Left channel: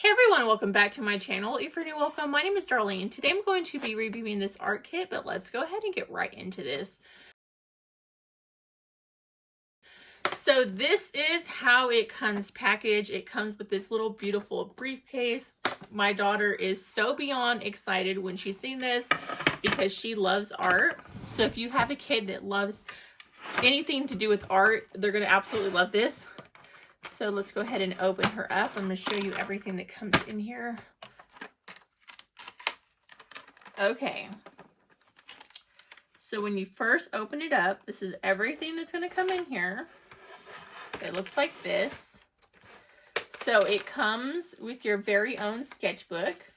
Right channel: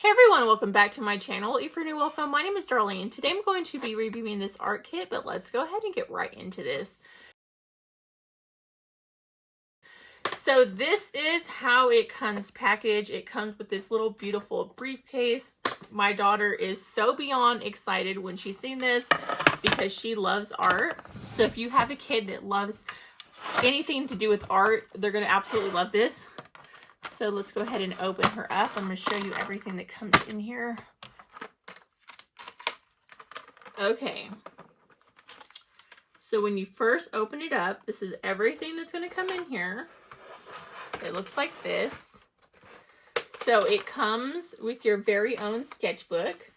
Hey everyone, welcome back to my channel. If you're new, welcome. My name is Darlene. Today I'm going to be reviewing this art kit, but let's go ahead and get right into this. So this is how it comes packaged. It comes with this little beautiful briefcase. My daughter is so beyond excited when she's seen this because she loves art. So if you have a kid that loves anything to do with art, they're going to absolutely love this. So let's go ahead and open her up. I'm going to show you everything that comes in here. Okay. So when you first open it up, this is everything that's going to come in here. It looks like this. So it comes with your very own sketchbook.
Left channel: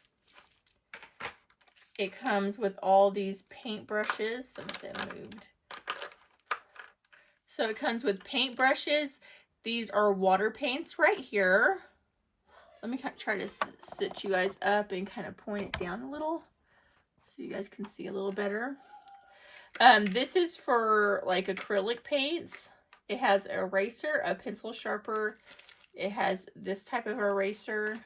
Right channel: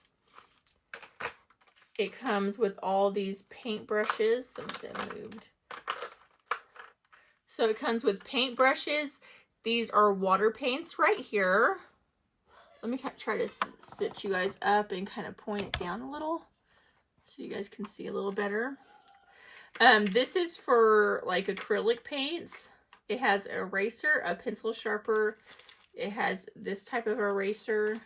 It comes with all these paint brushes. Some of them moved. So it comes with paint brushes. These are water paints right here. Let me try to sit you guys up and kind of point it down a little so you guys can see a little better. This is for like acrylic paints. It has an eraser, a pencil sharpener. It has this type of eraser.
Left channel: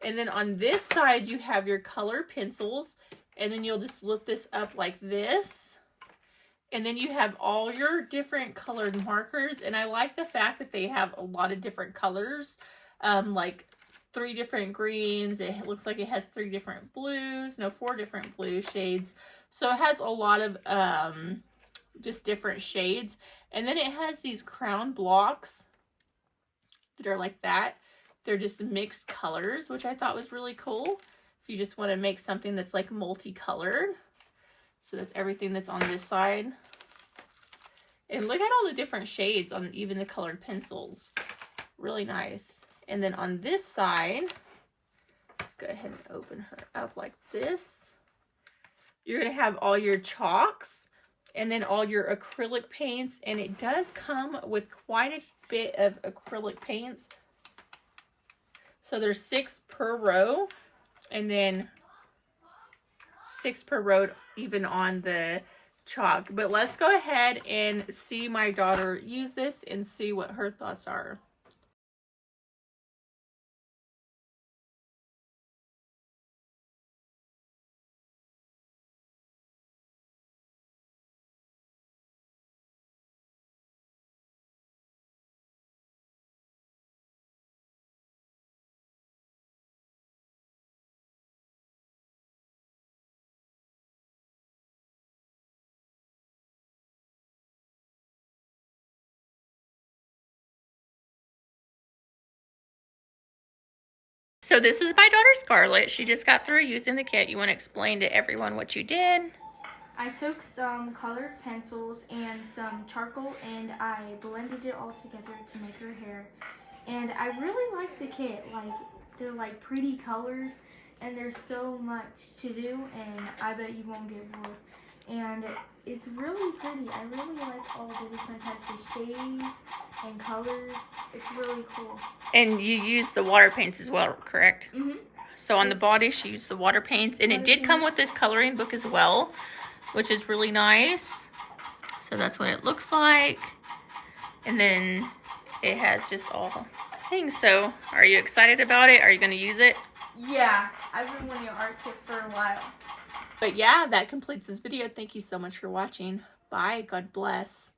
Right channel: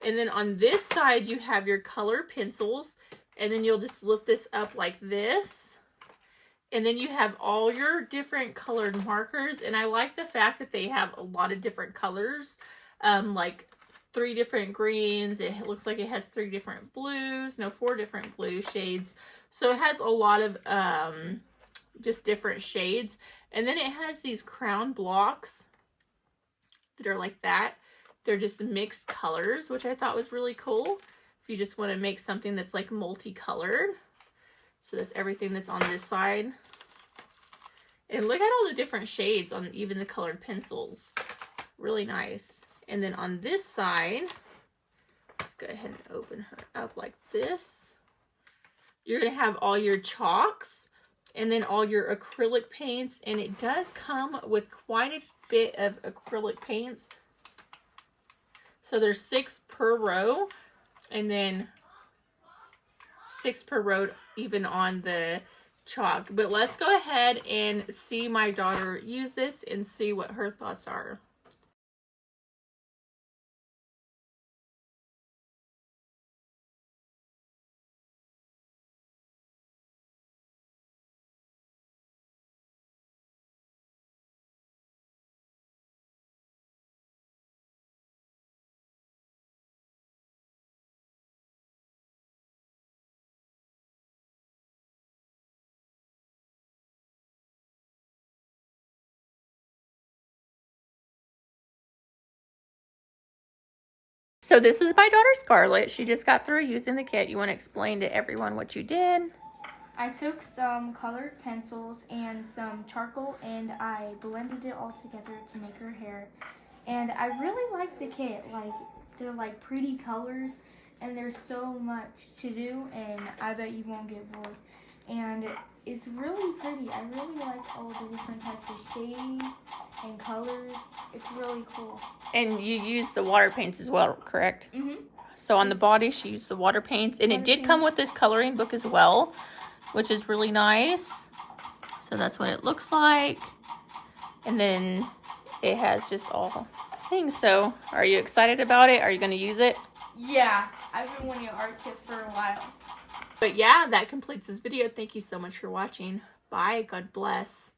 And then on this side, you have your colored pencils. And then you'll just lift this up like this. And then you have all your different colored markers. And I like the fact that they have a lot of different colors. Like 3 different greens. It looks like it has 3 different blues. No, 4 different blue shades. So it has a lot of just different shades. And then it has these crown blocks that are like that. They're just mixed colors, which I thought was really cool. If you just want to make something that's like multicolored. So that's everything that's on this side. And look at all the different shades on even the colored pencils. Really nice. And then on this side, let's go ahead and open her up like this. You're going to have all your chalks and then all your acrylic paints. And it does come with quite a bit of acrylic paints. So there's 6 per row. And then 6 per row even on the chalk. But let's go ahead and see my daughter use this and see what her thoughts are. So this is my daughter Scarlett. She just got through using the kit. You want to explain to everyone what you did? I took some colored pencils and some charcoal and I blended it all together to make her hair. And I really like the kit. Like, they're like pretty colors and there's so much to do and I bet you won't get bored. And it's really pretty. I really like all the different types of shades and colors. It's really cool. And you used the water paints as well, correct? Mm-hmm. So on the body, she used the water paints. And it did come with this coloring book as well, which is really nice. So that's what it looks like. And then it has just all things. So are you excited about it? Are you going to use it? Yeah, I've been wanting an art kit for a while. But yeah, that completes this video. Thank you so much for watching. Bye. God bless.